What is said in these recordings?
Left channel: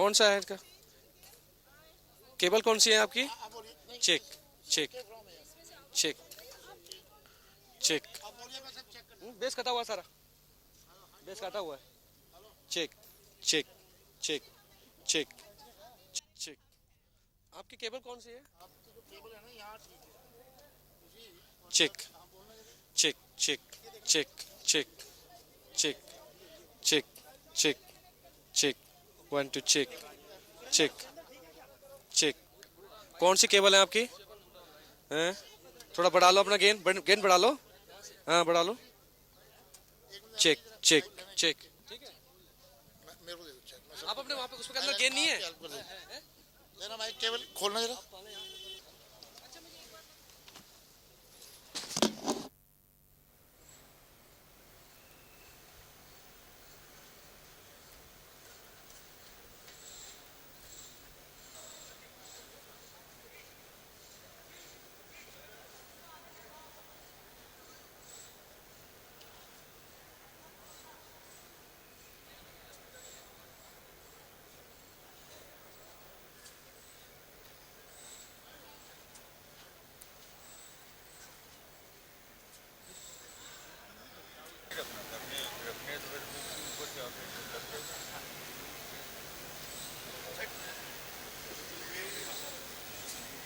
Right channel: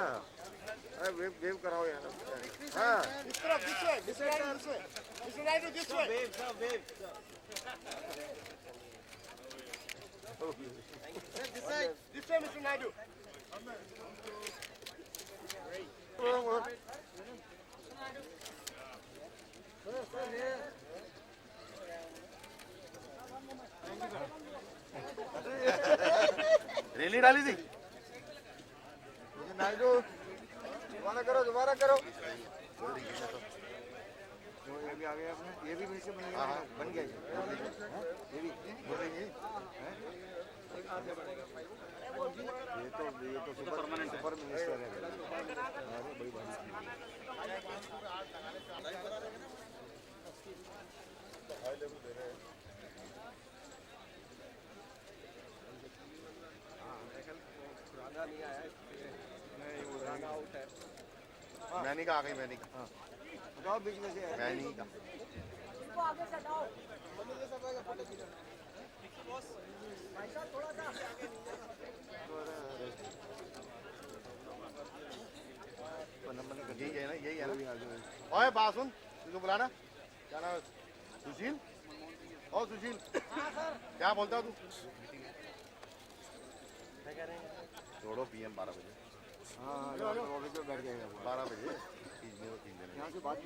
कौन सा है इसका? वेव वेव कराओ यार। केबल कौन सी है आपकी? Check check check check. Bass कटा हुआ सारा, बेस कटा हुआ। Check check check check. आपकी केबल कौन सी है? Check check check check check check check check check 1 2 check check दोबारा करो। चेक। कौन सी केबल है आपकी? हैं? थोड़ा बढ़ा लो अपना गेन, गेन बढ़ा लो। हाँ बढ़ा लो। Check check check. आप अपने वहाँ पे उसके अंदर गेन नहीं है? मेरा माइक केबल खोलना जरा। मैनी का आ गई, मैनी का। बताओ बिजनेस है मैनी का। यही है ना, यही है ना। ओए बात सुन, तुझको बुलाना क्या नाम है? सुशील। ओ सुशील, क्या बोलता तू? जोड़ो PM 12 बजे। हाँ 12 बजे यहाँ से बात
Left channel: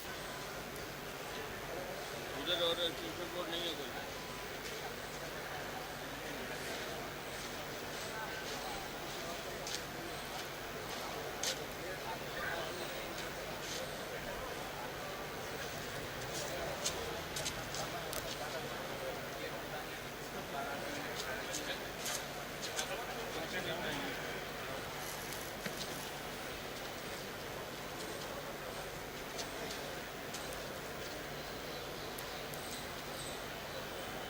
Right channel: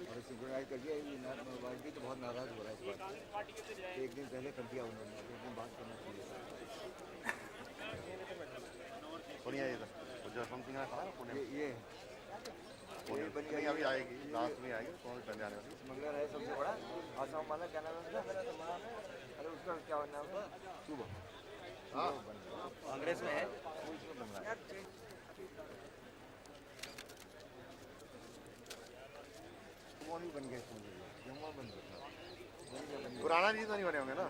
पुराना नहीं तो नहीं होने हमें ना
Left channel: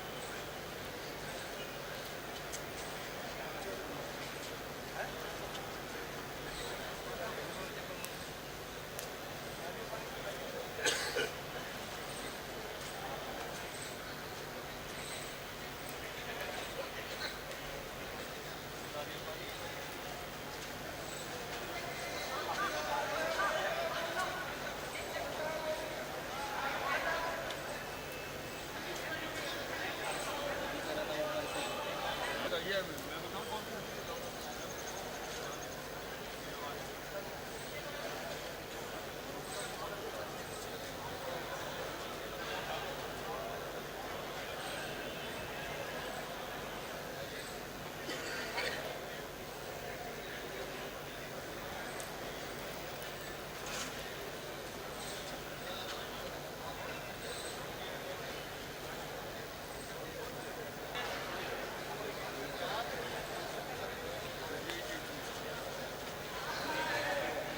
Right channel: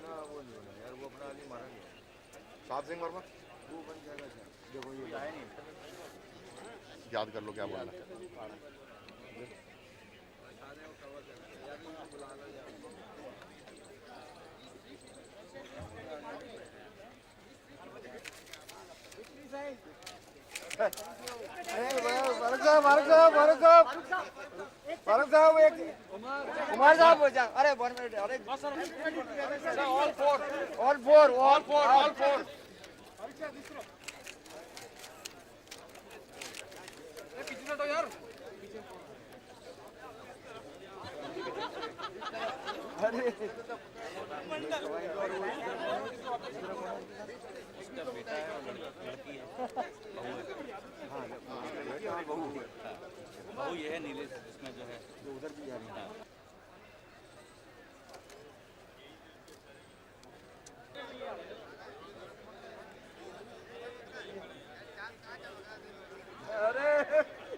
बात नहीं मानो याद कर लो क्या बात कुमार साहब बोल जा। अरे अरे ऑल फोर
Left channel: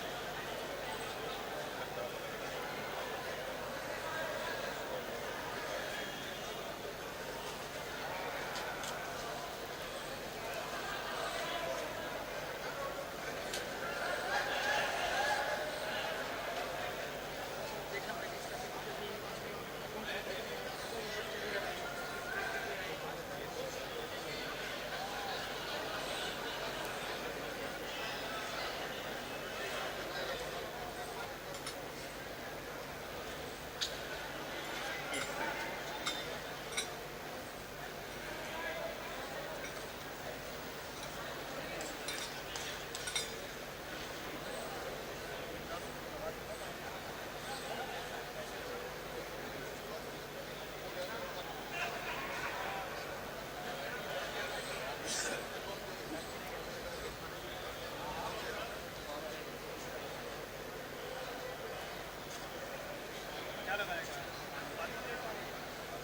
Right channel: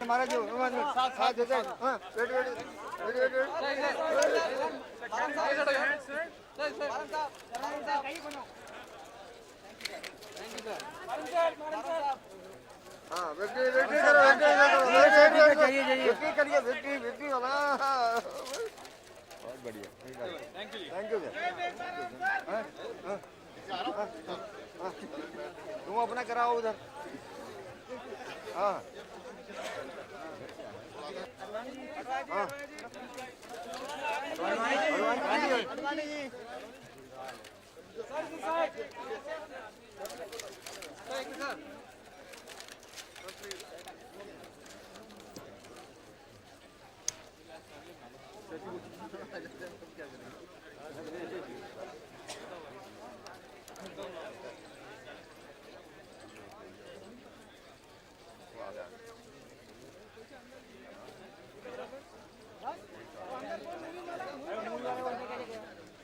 हमारा जो साथ होते हैं। हाँ तुम अपना कराओ उधर। हाँ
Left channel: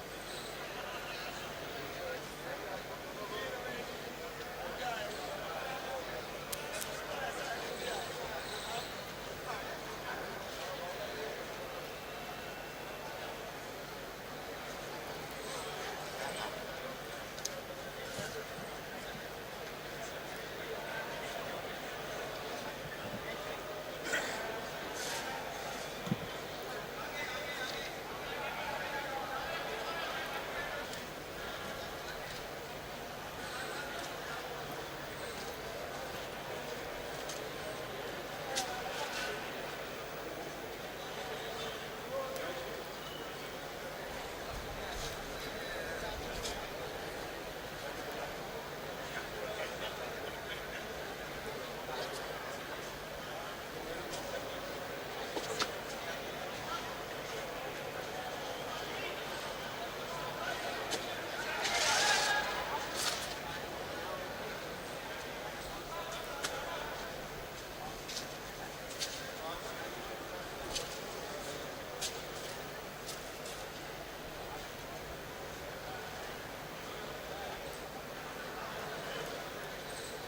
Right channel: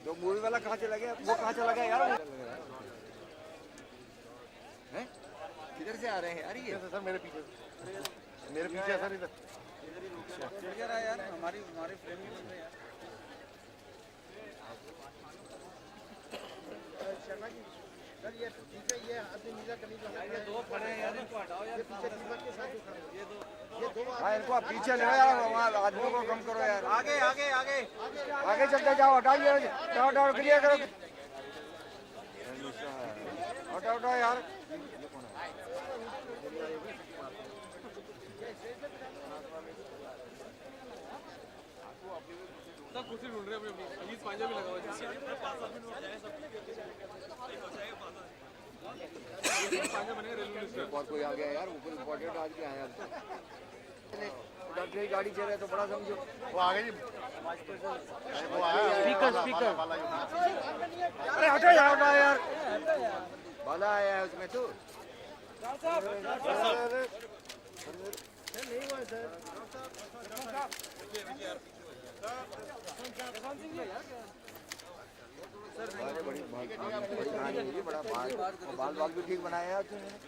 जो मूवी वाला कहाँ चला गया? वो कहाँ चला गया यार? इधर से आ रहे हैं। अरे ये तो मेरे पीछे ऐसा नहीं था। हाँ इनको आप पीछे ले यार, वहाँ आदमी को कम करो यार। आगे आगे आगे आगे चलते जाओ, हटाइए, हटाओ क्लियर करो, हटाओ यार। वो आ गई जी। वो आया स्पीकर अरे हटो यार यार वाला आया है उसमें तो बाल बाल भी ठीक बनाया है उसने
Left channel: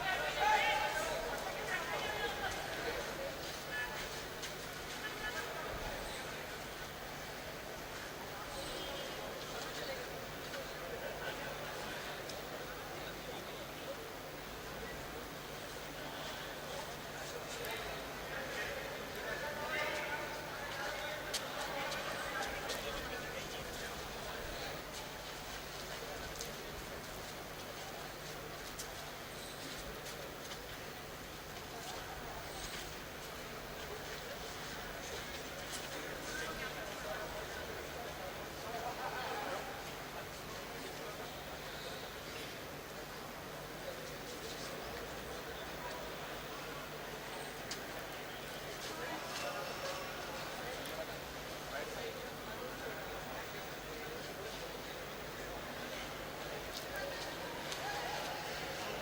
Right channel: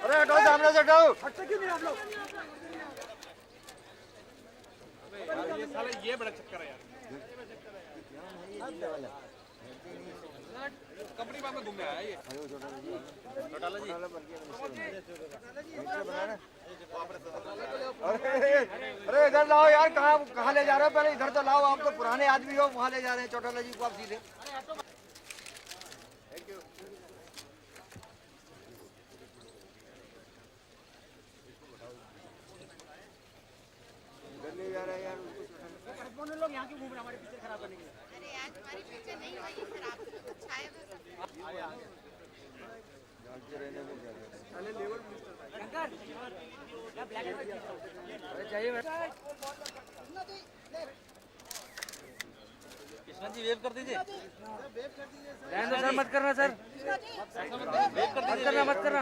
अरे हटाओ सामने से हटाओ अरे इधर लाओ यार कहाँ ले जा रहे हो पहले इधर तो लाओ आप लोग पुराने आदमी हो वहाँ ले जा रहे हैं छोटा जी को आप सीधे सर मत करना सर मत करना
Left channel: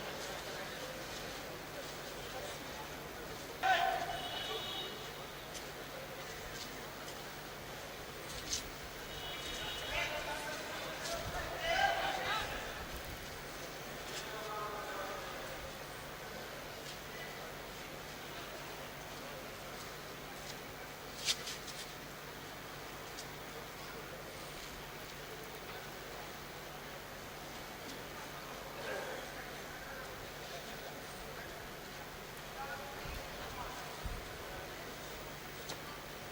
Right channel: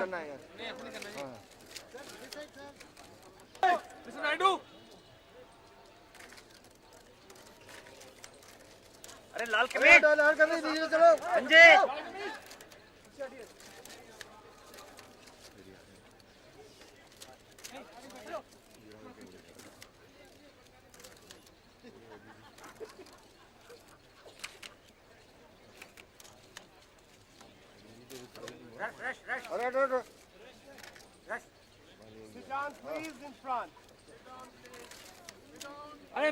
अरे लाल कमीज दीजिए चलो संजय अरे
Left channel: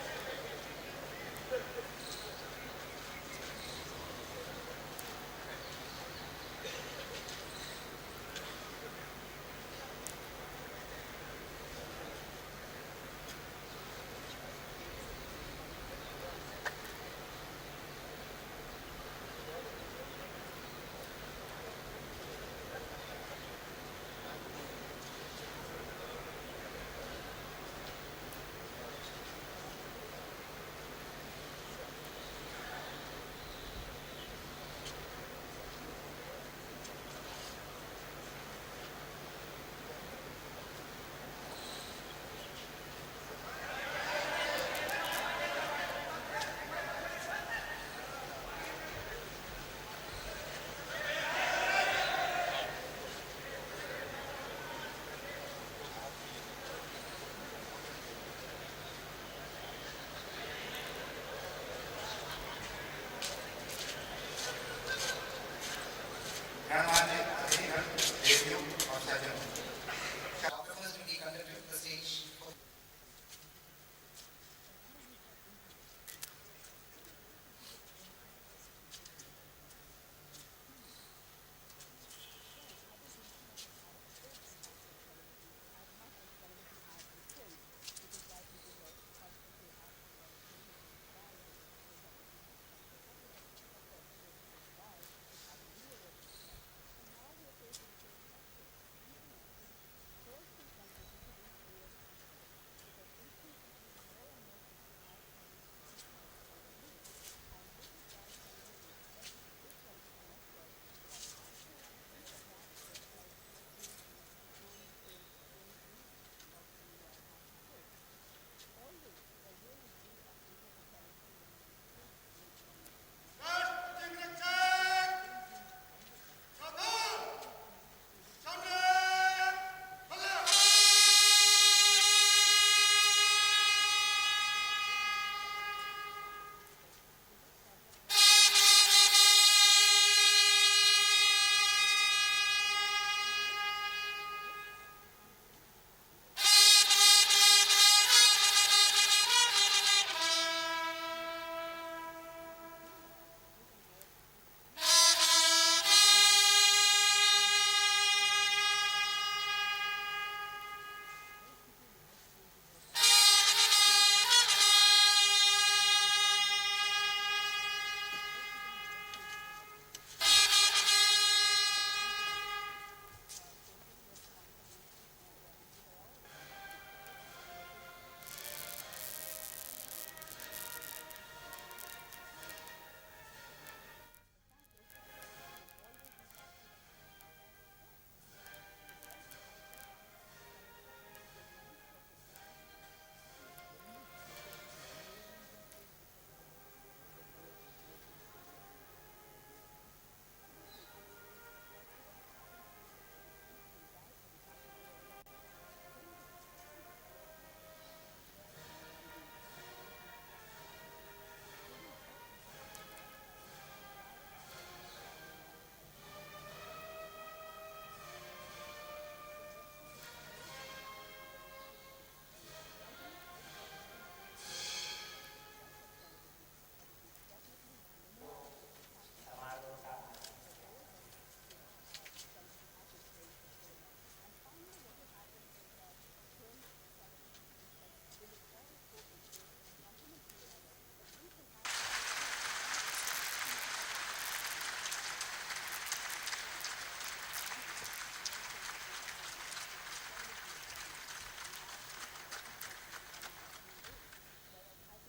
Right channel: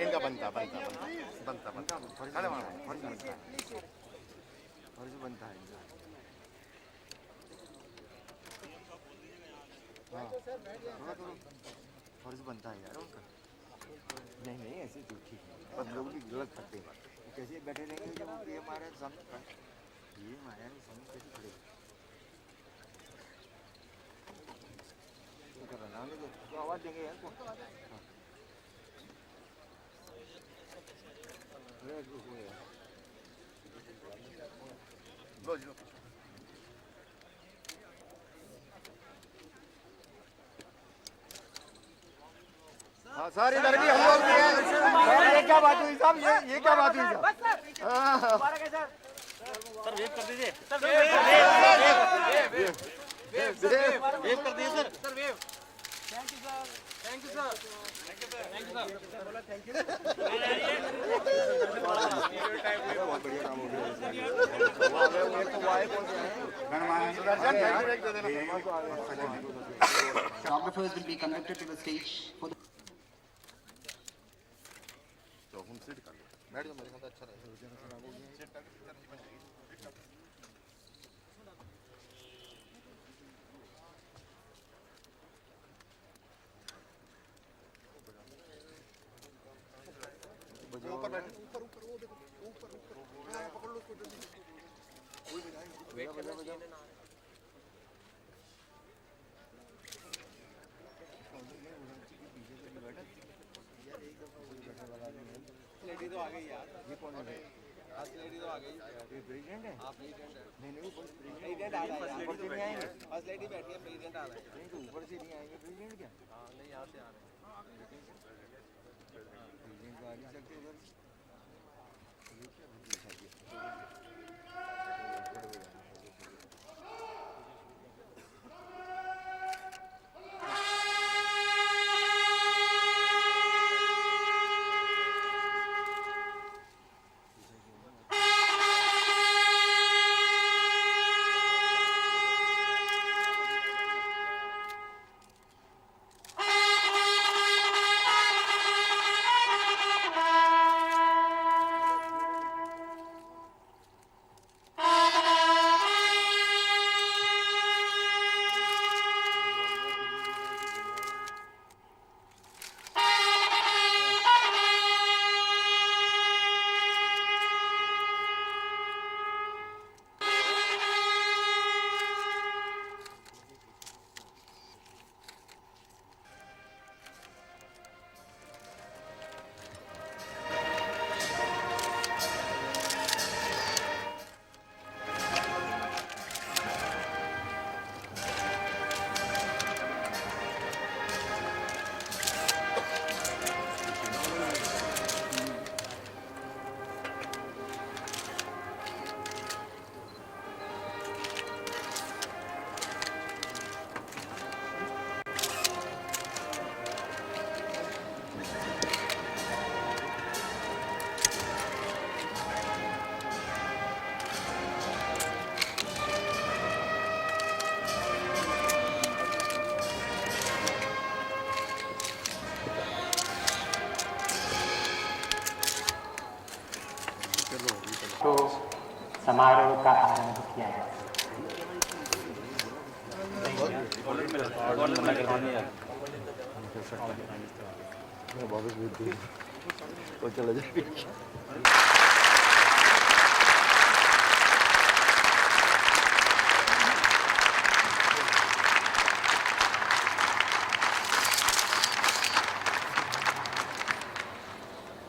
इनका बनता सर इधर भी हम लोग भी हैं ये क्या बात हुई साहब ये क्या बात हुई वेट कर दीजिए वेट कर दिए sir Photographers will be conducted to the stage for the समारोह का आरंभ किया जाए।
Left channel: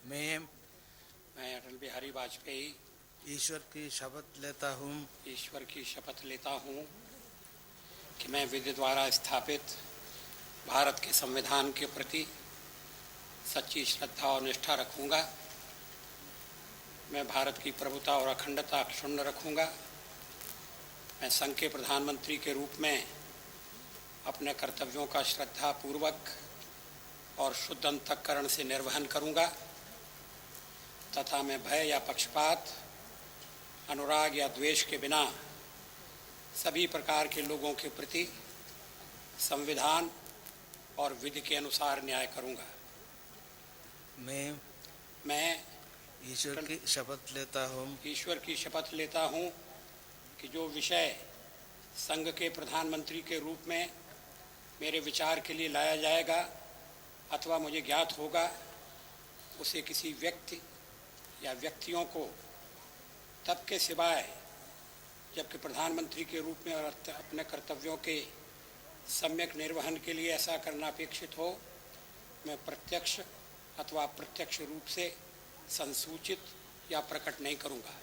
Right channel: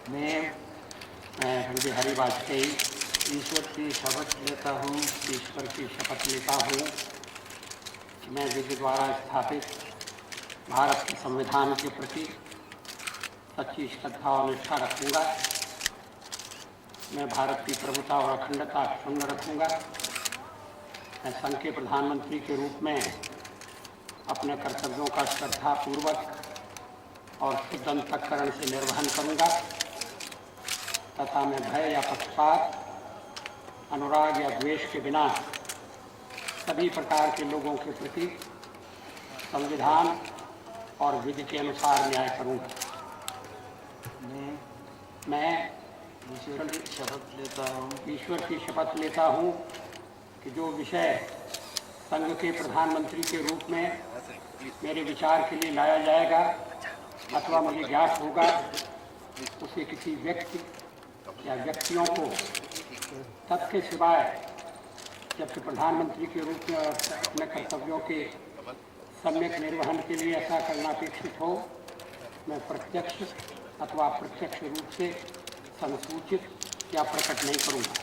मैं बिहारी वाजपेयी ईश्वर की शपथ लेता हूँ ईश्वर की शपथ लेता हूँ कि मैं विधि द्वारा स्थापित भारत के संविधान के प्रति सच्ची श्रद्धा और निष्ठा रखूँगा। मैं भारत की प्रभुता और अखंडता अक्षुण्ण रखूँगा। मैं संघ के प्रधानमंत्री के रूप में अपने कर्तव्यों का श्रद्धापूर्वक और शुद्ध अंतःकरण से निर्वहन करूँगा तथा मैं भय या पक्षपात, अनुराग या द्वेष के बिना सभी प्रकार के लोगों के प्रति संविधान और विधि के अनुसार न्याय करूँगा। मैं ईश्वर की शपथ लेता हूँ कि जो विषय संघ के प्रधानमंत्री के रूप में मेरे विचार के लिए लाया जाएगा अथवा मुझे ज्ञात होगा उसे किसी व्यक्ति या व्यक्तियों को तब के सिवाय जबकि प्रधानमंत्री के रूप में अपने कर्तव्यों के सम्यक निर्वहन के लिए ऐसा करना अपेक्षित हो, मैं प्रत्यक्ष अथवा अप्रत्यक्ष रूप से संसूचित या प्रकट नहीं करूँगा।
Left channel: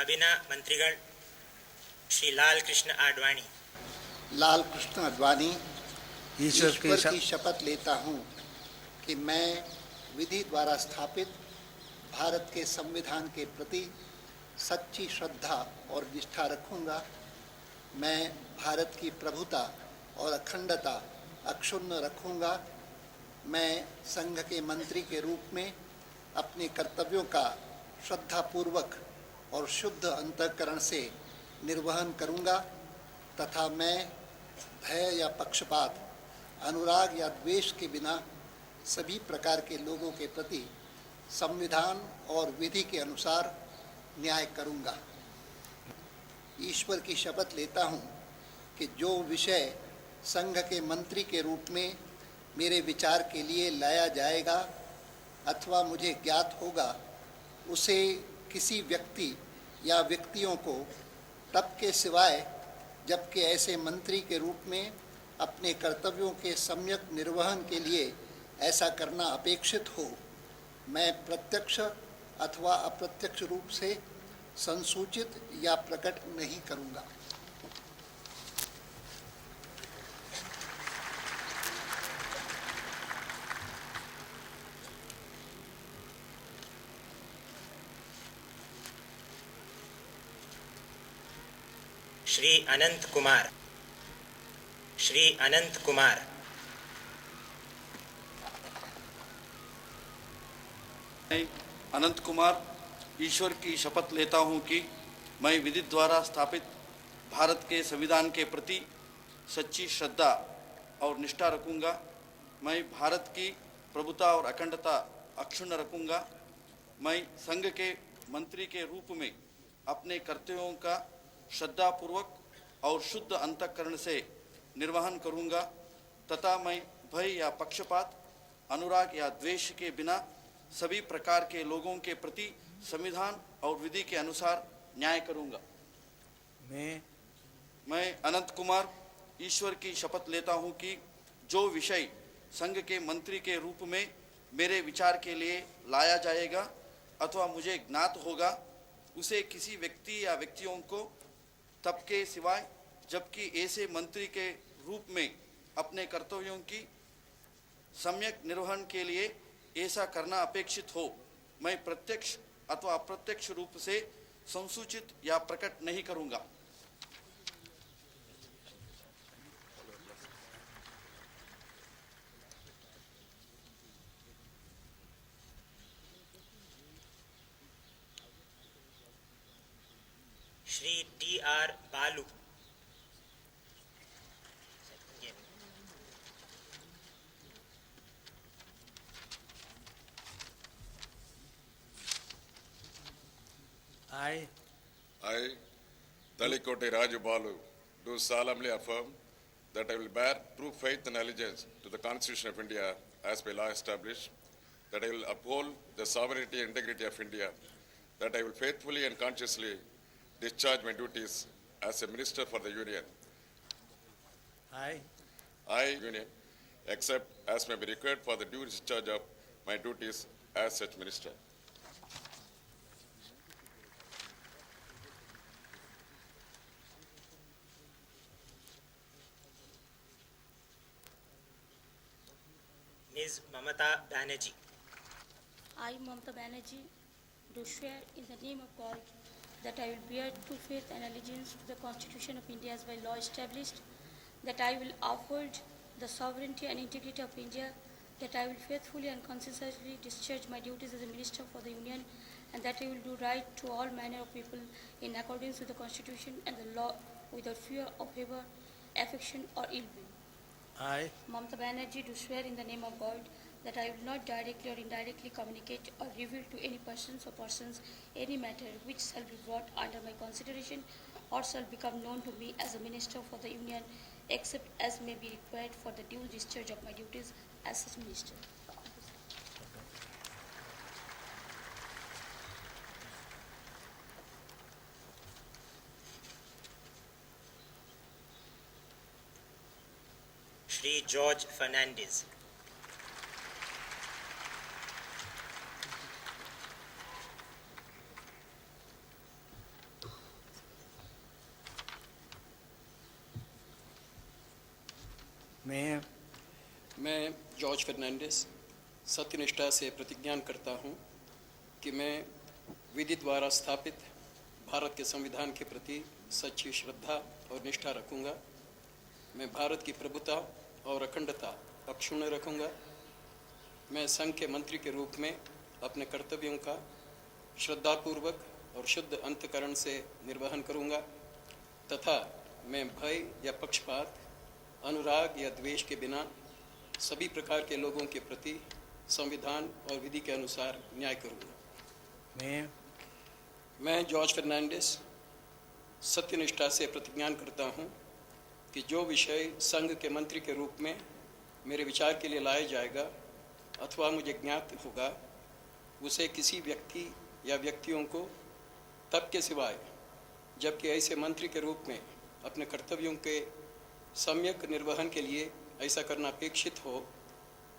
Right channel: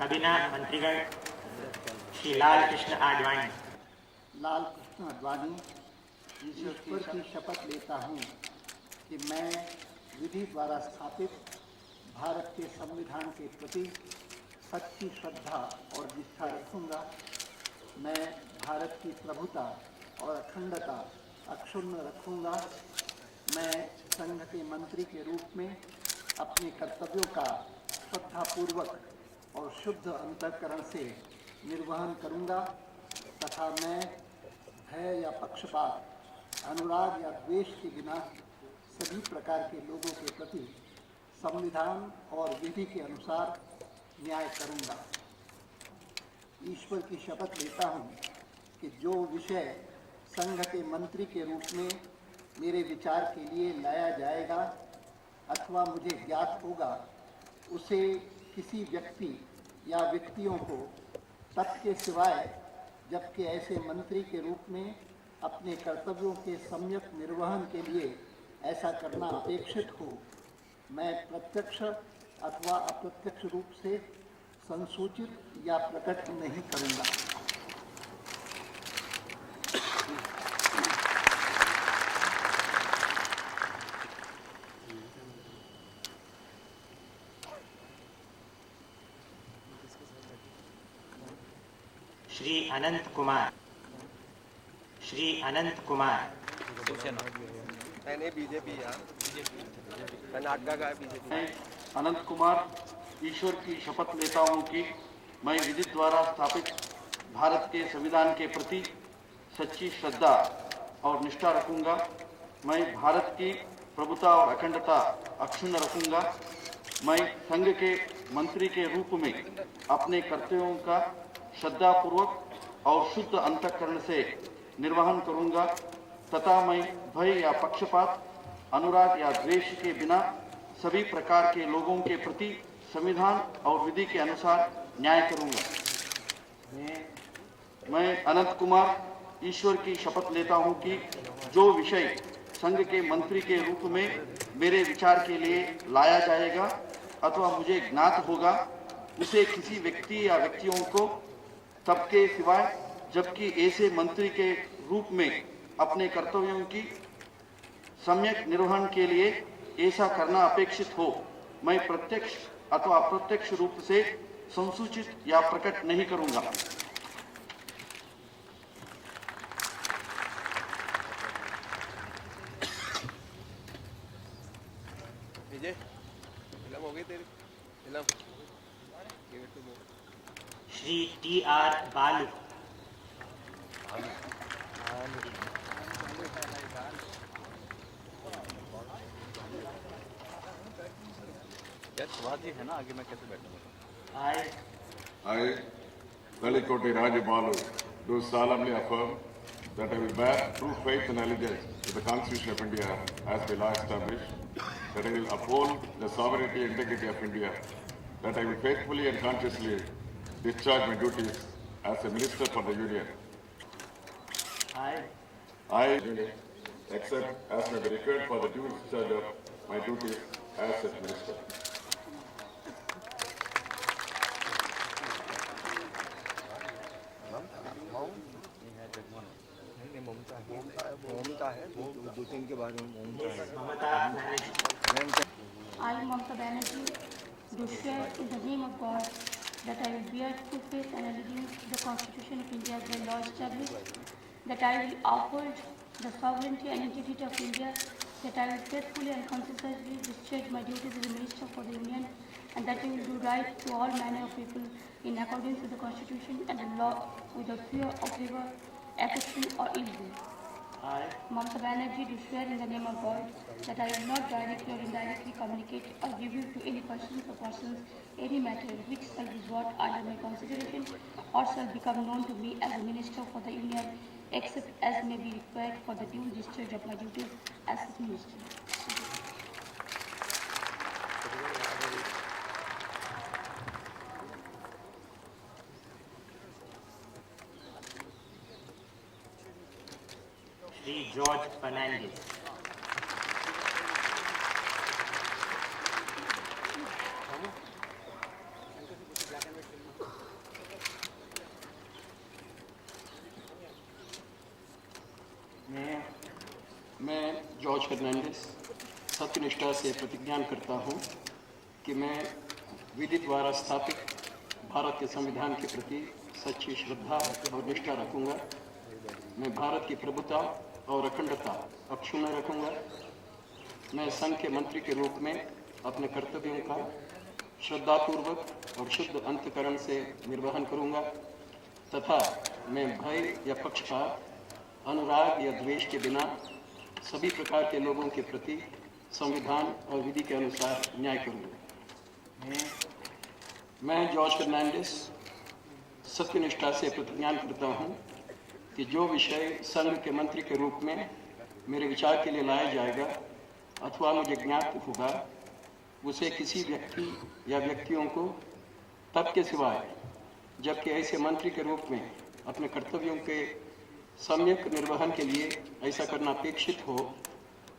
कैबिनेट मंत्रीगण श्री लाल कृष्ण आडवाणी ईश्वर की शपथ लेता हूँ कि मैं विधि द्वारा स्थापित भारत के संविधान के प्रति सच्ची श्रद्धा और निष्ठा रखूँगा। मैं भारत की प्रभुता और अखंडता अक्षुण्ण रखूँगा। मैं संघ के मंत्री के रूप में अपने कर्तव्यों का श्रद्धापूर्वक और शुद्ध अंतःकरण से निर्वहन करूँगा तथा मैं भय या पक्षपात, अनुराग या द्वेष के बिना सभी प्रकार के लोगों के प्रति संविधान और विधि के अनुसार न्याय करूँगा। ईश्वर की शपथ लेता हूँ कि जो विषय संघ के मंत्री के रूप में मेरे विचार के लिए लाया जाएगा अथवा मुझे ज्ञात होगा उसे किसी व्यक्ति या व्यक्तियों को तब के सिवाय जबकि ऐसे मंत्री के रूप में अपने कर्तव्यों के सम्यक निर्वहन के लिए ऐसा करना अपेक्षित हो, मैं प्रत्यक्ष अथवा अप्रत्यक्ष रूप से संसूचित या प्रकट नहीं करूँगा। श्री अनंत कुमार बीजेपी कर्नाटका का बीजेपी अनंत कुमार ईश्वर की शपथ लेता हूँ कि मैं विधि द्वारा स्थापित भारत के संविधान के प्रति सच्ची श्रद्धा और निष्ठा रखूंगा। मैं भारत की प्रभुता और अखंडता अक्षुण्ण रखूंगा। मैं संघ के मंत्री के रूप में अपने कर्तव्यों का श्रद्धापूर्वक और शुद्ध अंतःकरण से निर्वहन करूंगा तथा मैं भय या पक्षपात, अनुराग या द्वेष के बिना सभी प्रकार के लोगों के प्रति संविधान और विधि के अनुसार न्याय करूंगा। मैं अनंत कुमार ईश्वर की शपथ लेता हूं कि जो विषय संघ के मंत्री के रूप में मेरे विचार के लिए लाया जाएगा अथवा मुझे ज्ञात होगा, उसे किसी व्यक्ति या व्यक्तियों को तब के सिवाय जबकि ऐसे मंत्री के रूप में अपने कर्तव्यों की सम्यक निर्वहन के लिए ऐसा करना अपेक्षित हो, मैं प्रत्यक्ष अथवा अप्रत्यक्ष रूप से संसूचित या प्रकट नहीं करूंगा। श्री T.R. बालू, I, Talikoti Raji Balu, do solemnly affirm that I will bear true faith and allegiance to the Constitution of India as by law established, that I will uphold the sovereignty and integrity of India, that I will faithfully and consciously discharge my duties as a Minister for the Union. I accept as may be required for the due discharge of my duties as such Minister. Ms. Mamata Banerjee, I, Mamata Banerjee, do swear in the name of God that I will bear true faith and allegiance to the Constitution of India as by law established, that I will uphold the sovereignty and integrity of India, that I will faithfully and consistently discharge my duties as a Minister for the Union, and that I will do right to all manner of people in accordance with the Constitution and the law without fear or favor, affection or ill will. I, Mamata Banerjee, do swear in the name of God that I will not directly or indirectly communicate or give you to any persons or persons any matter which shall be brought under my consideration or shall become known to me as a Minister for the Union, except as may be required for the due discharge of my duties as its Minister. Shri George Fernandez, मैं George Fernandes सत्यनिष्ठा से प्रतिज्ञा करता हूँ कि मैं विधि द्वारा स्थापित भारत के संविधान के प्रति सच्ची श्रद्धा और निष्ठा रखूंगा। मैं भारत की प्रभुता और अखंडता अक्षुण्ण रखूंगा। मैं संघ के मंत्री के रूप में अपने कर्तव्यों का श्रद्धापूर्वक और शुद्ध अंतःकरण से निर्वहन करूंगा तथा मैं भय या पक्षपात, अनुराग या द्वेष के बिना सभी प्रकार के लोगों के प्रति संविधान और विधि के अनुसार न्याय करूंगा। मैं जॉर्ज फर्नांडिस सत्यनिष्ठा से प्रतिज्ञा करता हूं कि जो विषय संघ के मंत्री के रूप में मेरे विचार के लिए लाया जाएगा अथवा मुझे ज्ञात होगा, उसे किसी व्यक्ति या व्यक्तियों को तब के सिवाय जबकि ऐसे मंत्री के रूप में अपने कर्तव्यों के सम्यक निर्वहन के लिए ऐसा करना अपेक्षित हो,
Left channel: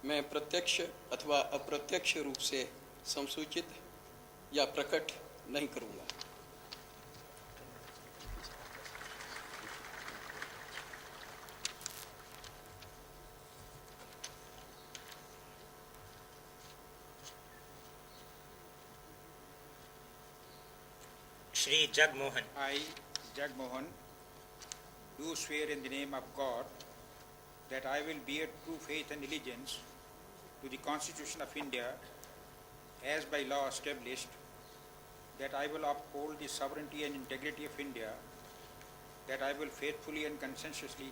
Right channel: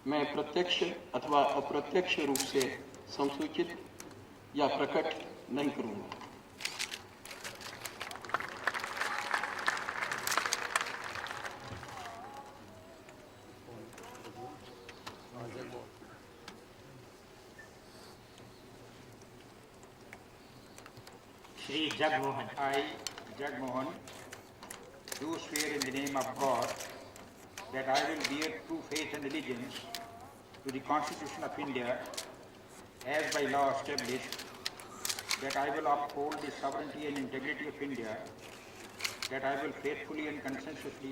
मैं प्रत्यक्ष अथवा अप्रत्यक्ष रूप से संसूचित या प्रकट नहीं करूंगा। Shri Jagmohan, I, Jagmohan, do swear in the name of God that I will bear true faith and allegiance to the Constitution of India as by law established, that I will uphold the sovereignty and integrity of India, that I will faithfully and conscientiously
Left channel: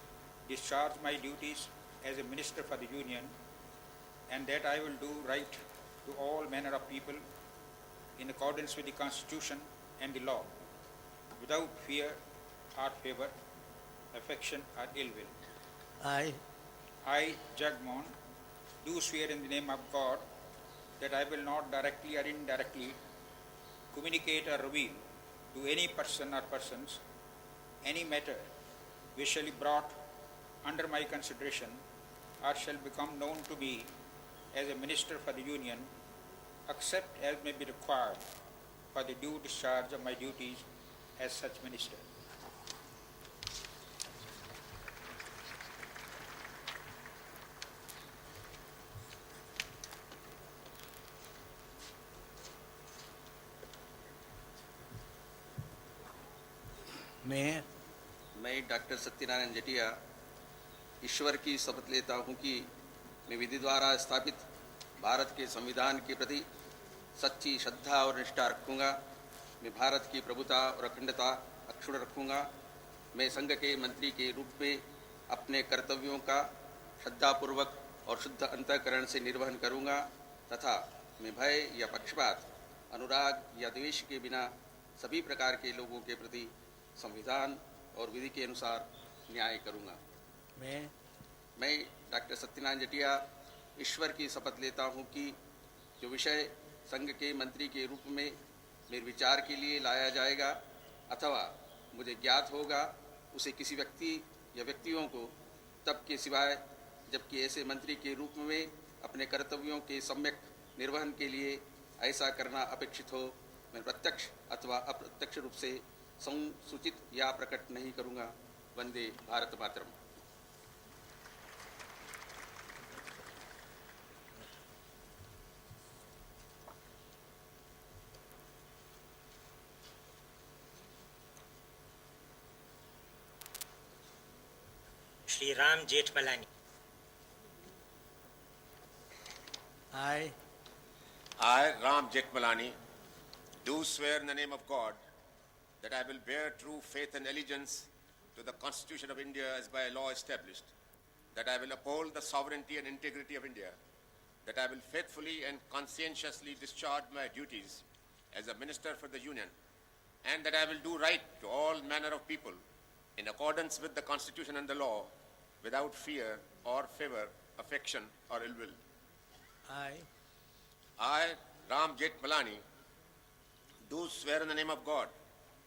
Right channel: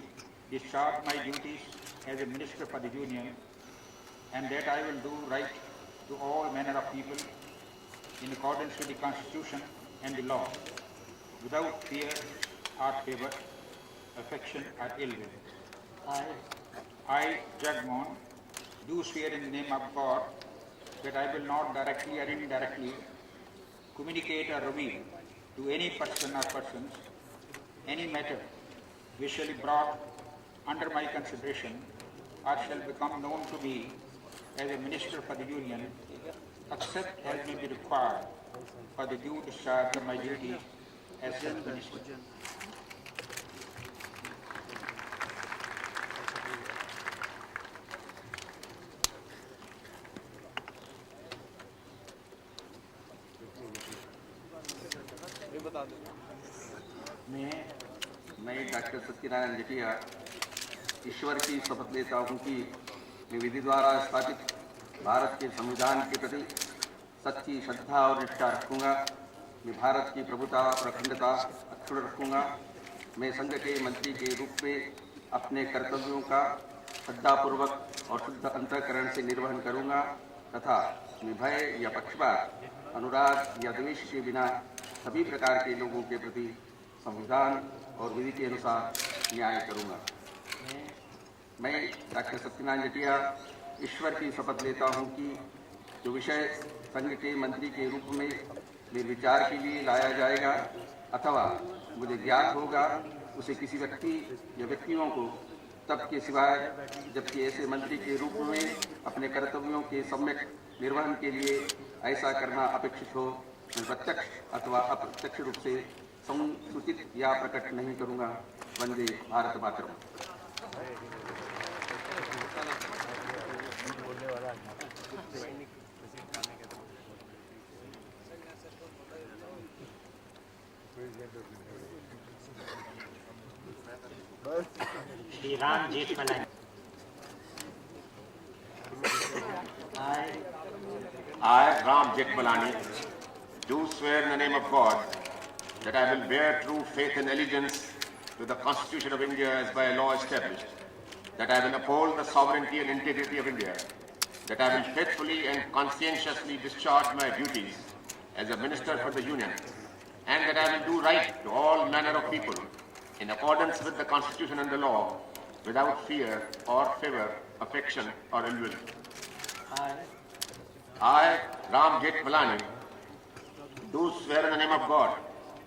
discharge my duties as a Minister for the Union, and that I will do right to all manner of people in accordance with the Constitution and the law, without fear or favor, affection or ill will. I, Jag Mohan, do swear in the name of God that I will not directly or indirectly communicate or reveal to any person or persons any matter which shall be brought under my consideration or shall become known to me as a Minister for the Union, except as may be required for the due discharge of my duties as such Minister. मैं doctor Satyanarayan जेठिया ईश्वर की शपथ लेता हूँ कि मैं विधि द्वारा स्थापित भारत के संविधान के प्रति सच्ची श्रद्धा और निष्ठा रखूंगा। मैं भारत की प्रभुता और अखंडता अक्षुण्ण रखूंगा। मैं संघ के मंत्री के रूप में अपने कर्तव्यों का श्रद्धापूर्वक और शुद्ध अंतःकरण से निर्वहन करूंगा तथा मैं भय या पक्षपात, अनुराग या द्वेष के बिना सभी प्रकार के लोगों के प्रति संविधान और विधि के अनुसार न्याय करूंगा। मैं डॉक्टर सत्यनारायण जेठिया ईश्वर की शपथ लेता हूं कि जो विषय संघ के मंत्री के रूप में मेरे विचार के लिए लाया जाएगा अथवा मुझे ज्ञात होगा, उसे किसी व्यक्ति या व्यक्तियों को तब के सिवाय जबकि ऐसे मंत्री के रूप में अपने कर्तव्यों के सम्यक निर्वहन के लिए ऐसा करना अपेक्षित हो, मैं प्रत्यक्ष अथवा अप्रत्यक्ष रूप से सूचित या प्रकट नहीं करूंगा। वंदे भारत मातरम। Shri Ram Jethmalani. I, Ram Jeठmalaani, do swear in the name of God that I will bear true faith and allegiance to the Constitution of India as by law established, that I will uphold the sovereignty and integrity of India, that I will faithfully and conscientiously discharge my duties as a Minister for the Union, and that I will do right to all manner of people in accordance with the Constitution and the law, without fear or favor, affection or ill will. I, Ram Jeठmalaani, do swear in the name of God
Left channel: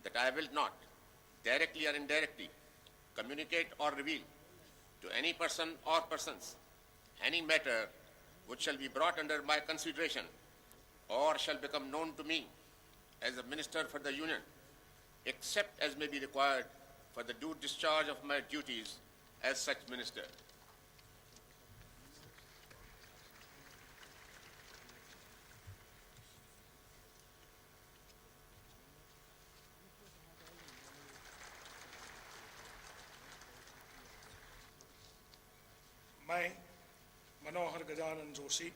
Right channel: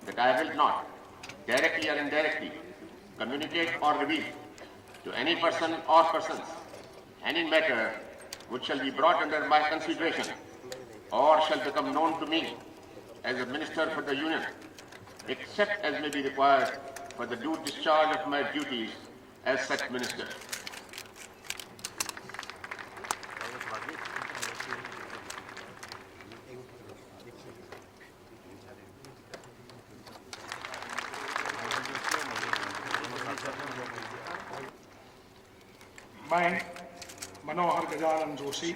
that I will not, directly or indirectly, communicate or reveal to any person or persons any matter which shall be brought under my consideration or shall become known to me as a Minister for the Union, except as may be required for the due discharge of my duties as such Minister. मैं मनोहर गजानन जोशी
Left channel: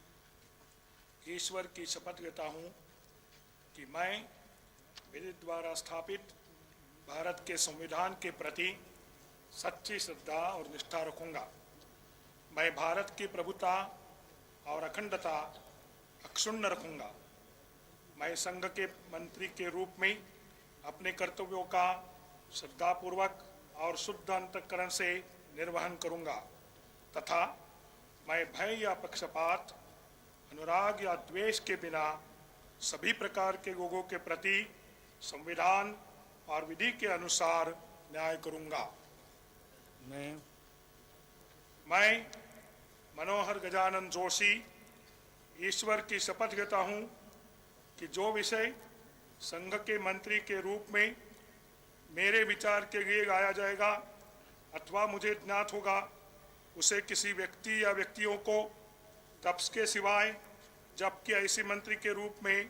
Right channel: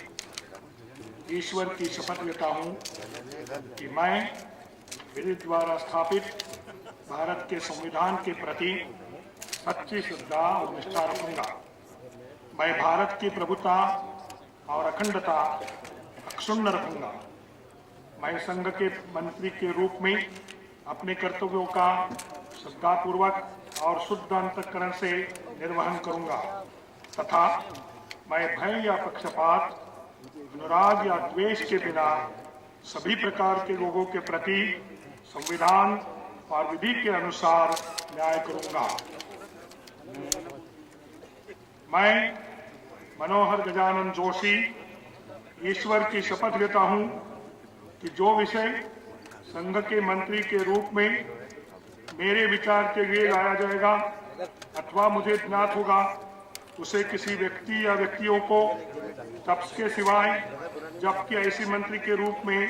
ईश्वर की शपथ लेता हूं कि मैं विधि द्वारा स्थापित भारत के संविधान के प्रति सच्ची श्रद्धा और निष्ठा रखूंगा। मैं भारत की प्रभुता और अखंडता अक्षुण्ण रखूंगा। मैं संघ के मंत्री के रूप में अपने कर्तव्यों का श्रद्धापूर्वक और शुद्ध अंतःकरण से निर्वहन करूंगा तथा मैं भय या पक्षपात, अनुराग या द्वेष के बिना सभी प्रकार के लोगों के प्रति संविधान और विधि के अनुसार न्याय करूंगा। मैं मनोहर गजानन जोशी ईश्वर की शपथ लेता हूं कि जो विषय संघ के मंत्री के रूप में मेरे विचार के लिए लाया जाएगा अथवा मुझे ज्ञात होगा, उसे किसी व्यक्ति या व्यक्तियों को तब के सिवाय जबकि ऐसे मंत्री के रूप में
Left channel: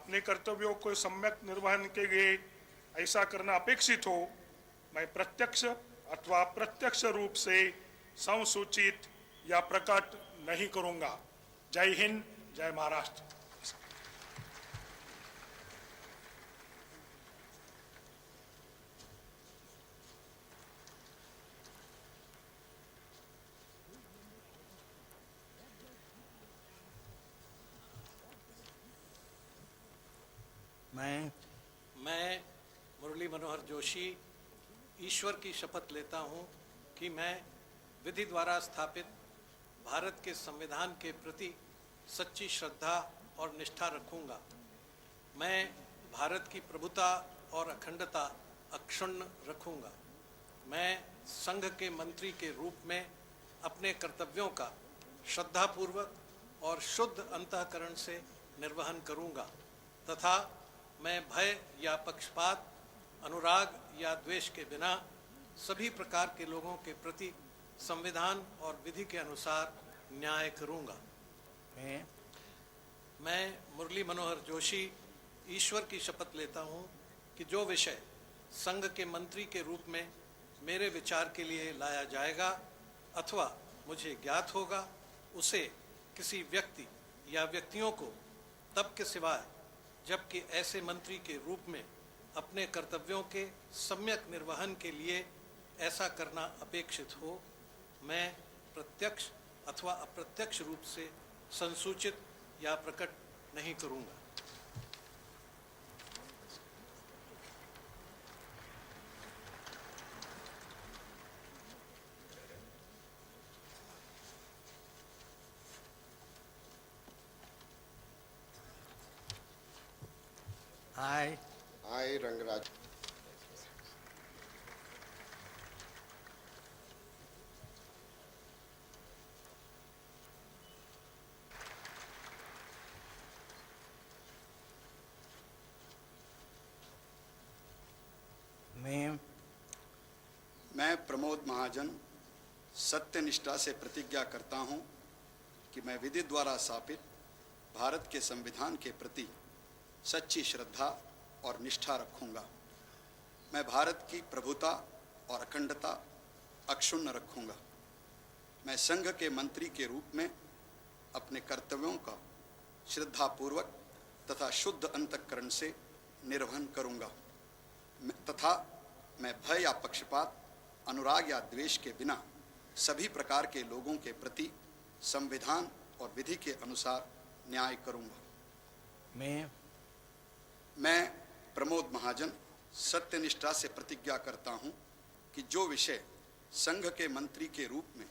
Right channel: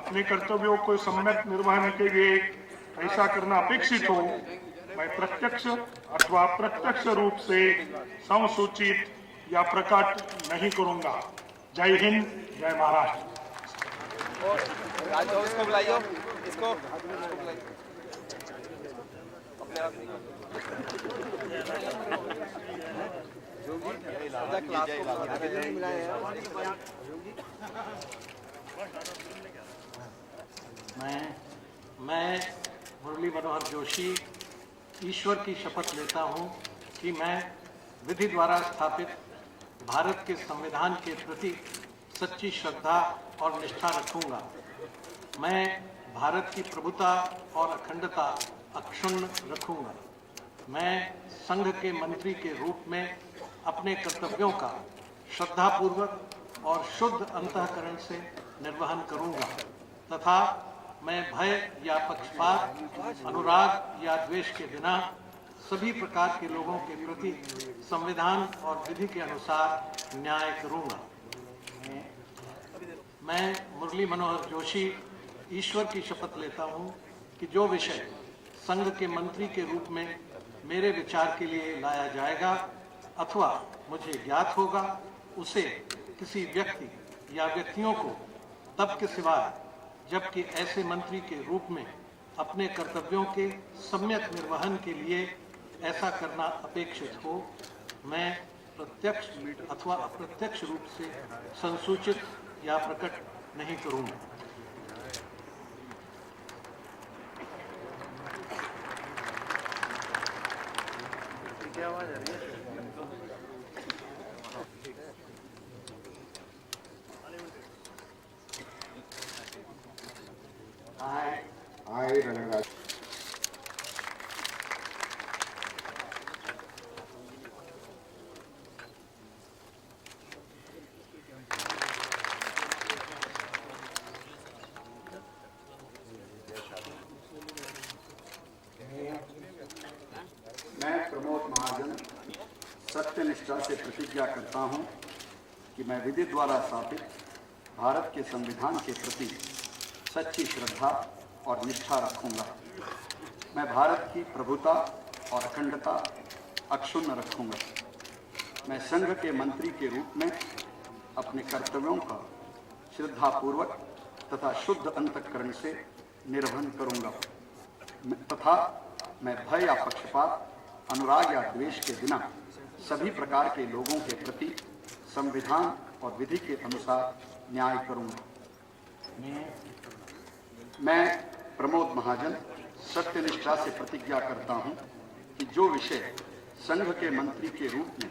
अपने कर्तव्यों को सम्यक निर्वहन के लिए ऐसा करना अपेक्षित हो, मैं प्रत्यक्ष अथवा अप्रत्यक्ष रूप से संसूचित या प्रकट नहीं करूंगा। जय हिंद, जय महाराष्ट्र। इसको अपने आप मैं मुरली मनोहर जोशी ईश्वर की शपथ लेता हूं कि मैं विधि द्वारा स्थापित भारत के संविधान के प्रति सच्ची श्रद्धा और निष्ठा रखूंगा। मैं भारत की प्रभुता और अखंडता अक्षुण्ण रखूंगा। मैं संघ के मंत्री के रूप में अपने कर्तव्यों का श्रद्धापूर्वक और शुद्ध अंतःकरण से निर्वहन करूंगा तथा मैं भय या पक्षपात, अनुराग या द्वेष के बिना सभी प्रकार के लोगों के प्रति संविधान और विधि के अनुसार न्याय करूंगा। मैं मुरली मनोहर जोशी ईश्वर की शपथ लेता हूं कि जो विषय संघ के मंत्री के रूप में मेरे विचार के लिए लाया जाएगा अथवा मुझे ज्ञात होगा, उसे किसी व्यक्ति या व्यक्तियों को तब के सिवाय जबकि ऐसे मंत्री के रूप में अपने कर्तव्यों के सम्यक निर्वहन के लिए ऐसा करना अपेक्षित हो, मैं प्रत्यक्ष अथवा अप्रत्यक्ष रूप से संसूचित या प्रकट नहीं करूंगा। I, Ranagaj. मैं प्रमोद महाजन सत्यनिष्ठा से प्रतिज्ञा करता हूं कि मैं विधि द्वारा स्थापित भारत के संविधान के प्रति सच्ची श्रद्धा और निष्ठा रखूंगा। मैं भारत की प्रभुता और अखंडता अक्षुण्ण रखूंगा। मैं संघ के मंत्री के रूप में अपने कर्तव्यों का श्रद्धापूर्वक तथा शुद्ध अंतःकरण से निर्वहन करूंगा तथा मैं भय या पक्षपात, अनुराग या द्वेष के बिना सभी प्रकार के लोगों के प्रति संविधान और विधि के अनुसार न्याय करूंगा। मैं प्रमोद महाजन सत्यनिष्ठा से प्रतिज्ञा करता हूं कि जो विषय संघ के मंत्री के रूप में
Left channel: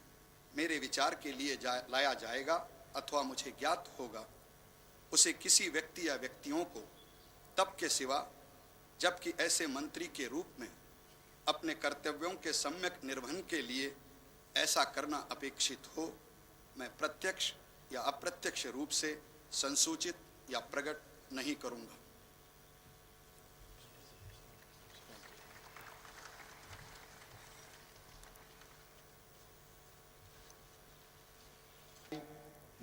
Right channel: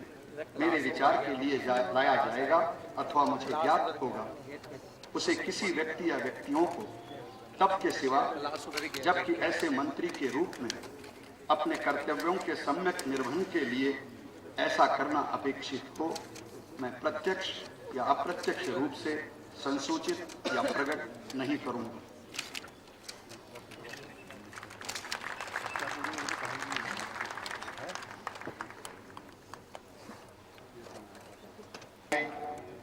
मेरे विचार के लिए लाया जाएगा अथवा मुझे ज्ञात होगा, उसे किसी व्यक्ति या व्यक्तियों को तब के सिवा जबकि ऐसे मंत्री के रूप में अपने कर्तव्यों के सम्यक निर्वहन के लिए ऐसा करना अपेक्षित हो, मैं प्रत्यक्ष या अप्रत्यक्ष रूप से संसूचित या प्रकट नहीं करूंगा।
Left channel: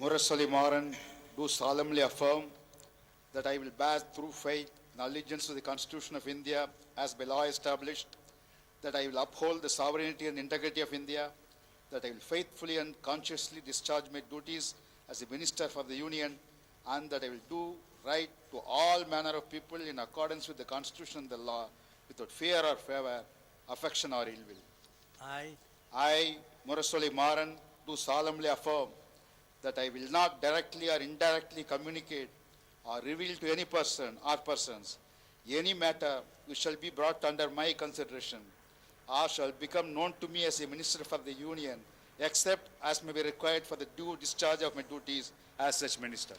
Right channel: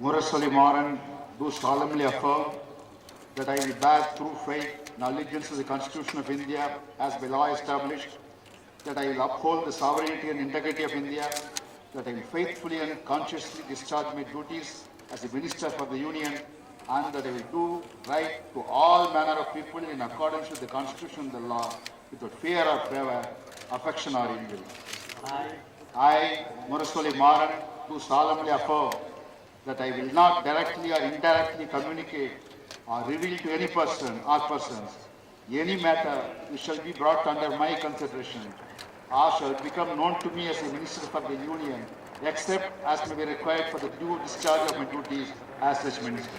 Murasali Maran, do solemnly affirm that I will bear true faith and allegiance to the Constitution of India as by law established, that I will uphold the sovereignty and integrity of India, that I will faithfully and consciously discharge my duties as a Minister for the Union, and that I will do right to all manner of people in accordance with the Constitution and the law, without fear or favor, affection or ill will. I, Murasali Maran, do solemnly affirm that I will not directly or indirectly communicate or reveal to any person or persons any matter which shall be brought under my consideration or shall become known to me as a Minister for the Union, except as may be required for the due discharge of my duties as such Minister.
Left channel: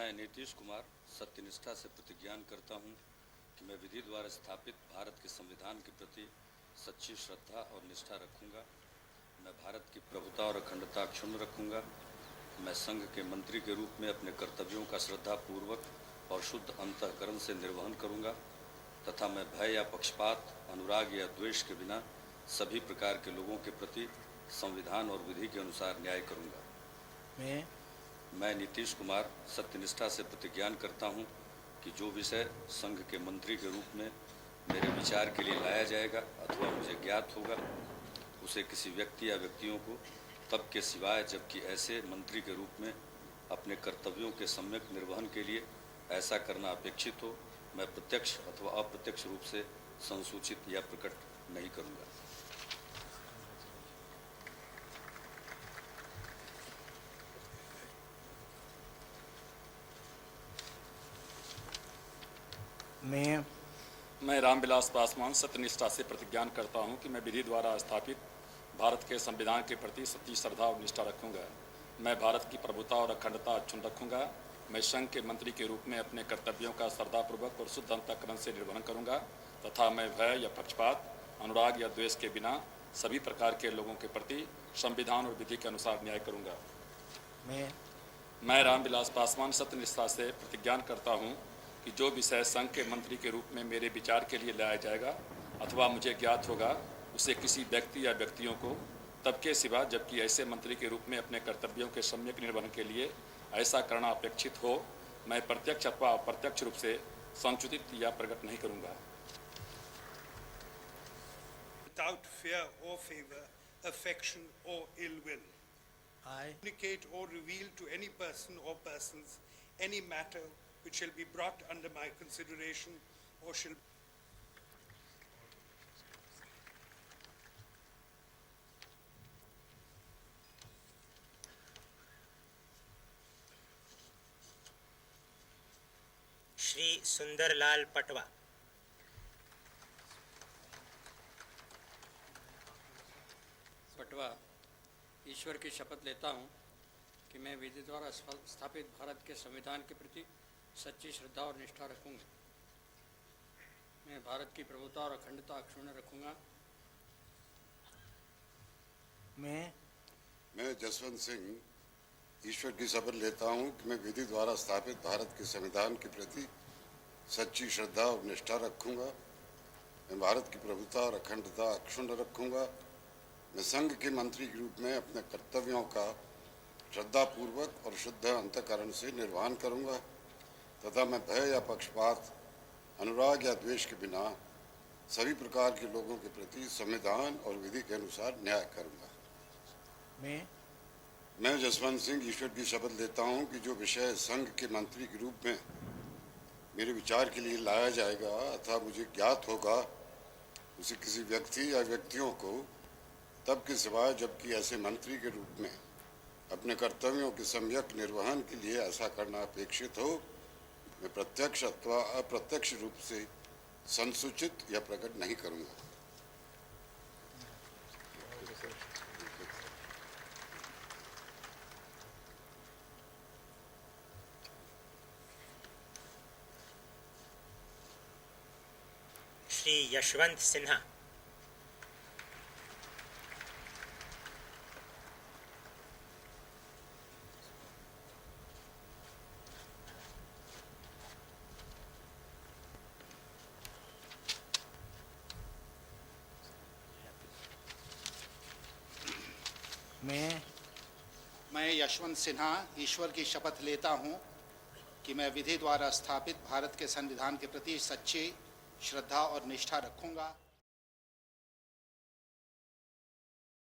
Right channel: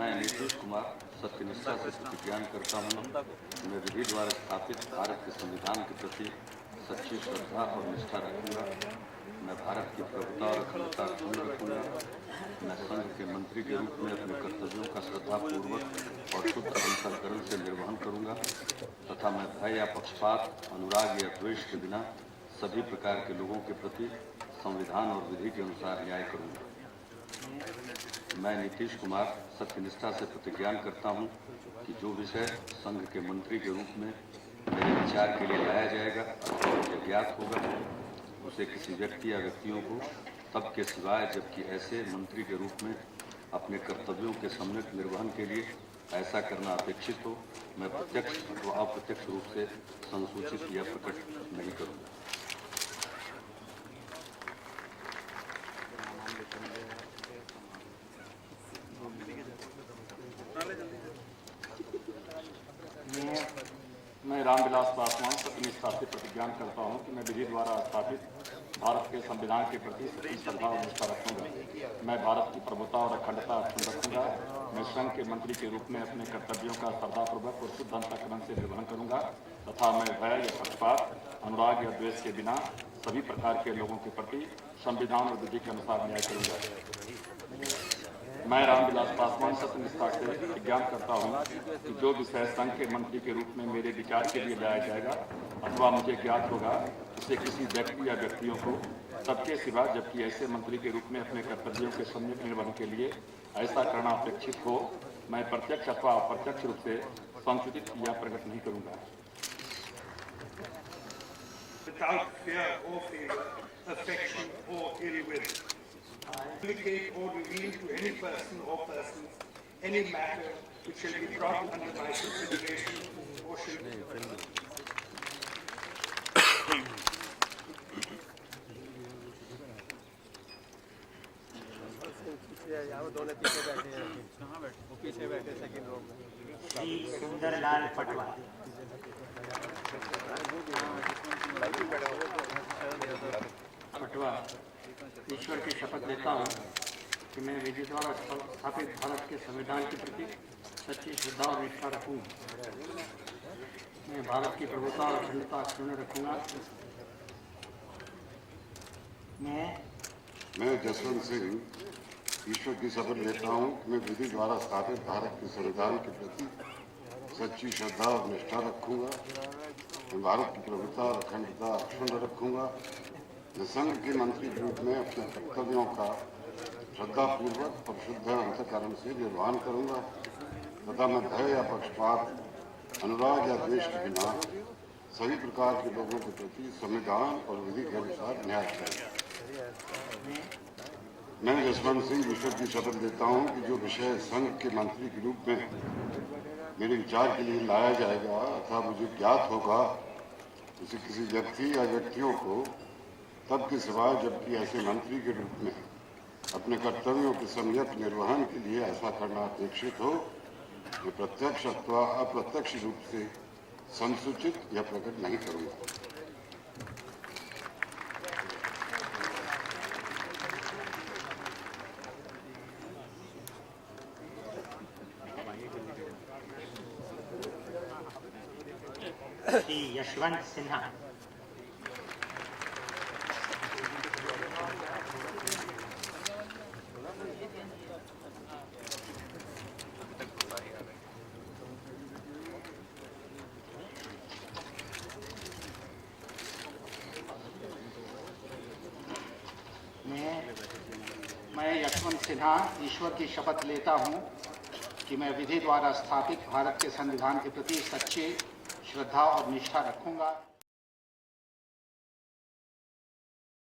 मैं नीतीश कुमार सत्यनिष्ठा से प्रतिज्ञा करता हूँ, मैं विधि द्वारा स्थापित भारत के संविधान के प्रति सच्ची श्रद्धा और निष्ठा रखूंगा। मैं भारत की प्रभुता और अखंडता अक्षुण्ण रखूंगा। मैं संघ के मंत्री के रूप में अपने कर्तव्यों का श्रद्धापूर्वक और शुद्ध अंतःकरण से निर्वहन करूंगा तथा मैं भय या पक्षपात, अनुराग या द्वेष के बिना सभी प्रकार के लोगों के प्रति संविधान और विधि के अनुसार न्याय करूंगा। मैं नीतीश कुमार सत्यनिष्ठा से प्रतिज्ञा करता हूं कि जो विषय संघ के मंत्री के रूप में मेरे विचार के लिए लाया जाएगा अथवा मुझे ज्ञात होगा उसे किसी व्यक्ति या व्यक्तियों को तब के सिवाय जबकि ऐसे मंत्री के रूप में अपने कर्तव्यों के सम्यक निर्वहन के लिए ऐसा करना अपेक्षित हो, मैं प्रत्यक्ष व अप्रत्यक्ष रूप से संसूचित या प्रकट नहीं करूँगा। मैं रामविलास पासवान सत्यनिष्ठा से प्रतिज्ञान करता हूं कि मैं विधि द्वारा स्थापित भारत के संविधान के प्रति सच्ची श्रद्धा और निष्ठा रखूंगा। मैं भारत की प्रभुता और अखंडता अक्षुण्ण रखूंगा। मैं संघ के मंत्री के रूप में अपने कर्तव्यों का श्रद्धापूर्वक और शुद्ध अंतःकरण से निर्वहन करूंगा तथा मैं भय या पक्षपात, अनुराग या द्वेष के बिना सभी प्रकार के लोगों के प्रति संविधान और विधि के अनुसार न्याय करूंगा। मैं रामविलास पासवान सत्यनिष्ठा से प्रतिज्ञान करता हूं कि जो विषय संघ के मंत्री के रूप में मेरे विचार के लिए लाया जाएगा अथवा मुझे ज्ञात होगा उसे किसी व्यक्ति या व्यक्तियों को तब के सिवा जबकि ऐसे मंत्री के रूप में अपने कर्तव्यों के सम्यक निर्वहन के लिए ऐसा करना अपेक्षित हो, मैं प्रत्यक्ष अथवा अप्रत्यक्ष रूप से संशोधित या प्रकट नहीं करूंगा। Without fear or favor, affection or ill will, communicate or reveal to any person or persons any matter which shall be brought under my consideration or shall be Shri Sundarlal Patwa. Patwa ईश्वर की शपथ लेता हूँ कि मैं विधि द्वारा स्थापित भारत के संविधान के प्रति सच्ची श्रद्धा और निष्ठा रखूंगा। मैं भारत की प्रभुता और अखंडता अक्षुण्ण रखूंगा। मैं जसवंत सिंह ईश्वर की शपथ लेता हूँ कि मैं विधि द्वारा स्थापित भारत के संविधान के प्रति सच्ची श्रद्धा और निष्ठा रखूंगा। मैं भारत की प्रभुता और अखंडता अक्षुण्ण रखूंगा। मैं संघ के मंत्री के रूप में अपने कर्तव्यों का श्रद्धापूर्वक और शुद्ध अंतःकरण से निर्वहन करूंगा तथा मैं भय या पक्षपात, अनुराग या द्वेष के बिना सभी प्रकार के लोगों के प्रति संविधान और विधि के अनुसार न्याय करूंगा। मैं जसवंत सिंह ईश्वर की शपथ लेता हूं कि जो विषय संघ के मंत्री के रूप में मेरे विचार के लिए लाया जाएगा अथवा मुझे ज्ञात होगा उसे किसी व्यक्ति या व्यक्तियों को तब के सिवाय जबकि ऐसे मंत्री के रूप में अपने कर्तव्यों के सम्यक निर्वहन के लिए ऐसा करना अपेक्षित हो, मैं प्रत्यक्ष अथवा अप्रत्यक्ष रूप से संसूचित या प्रकट नहीं करूंगा। श्री यशवंत सिन्हा। मैं यशवंत सिन्हा ईश्वर की शपथ लेता हूं कि मैं विधि द्वारा स्थापित भारत के संविधान के प्रति सच्ची श्रद्धा और निष्ठा रखूंगा।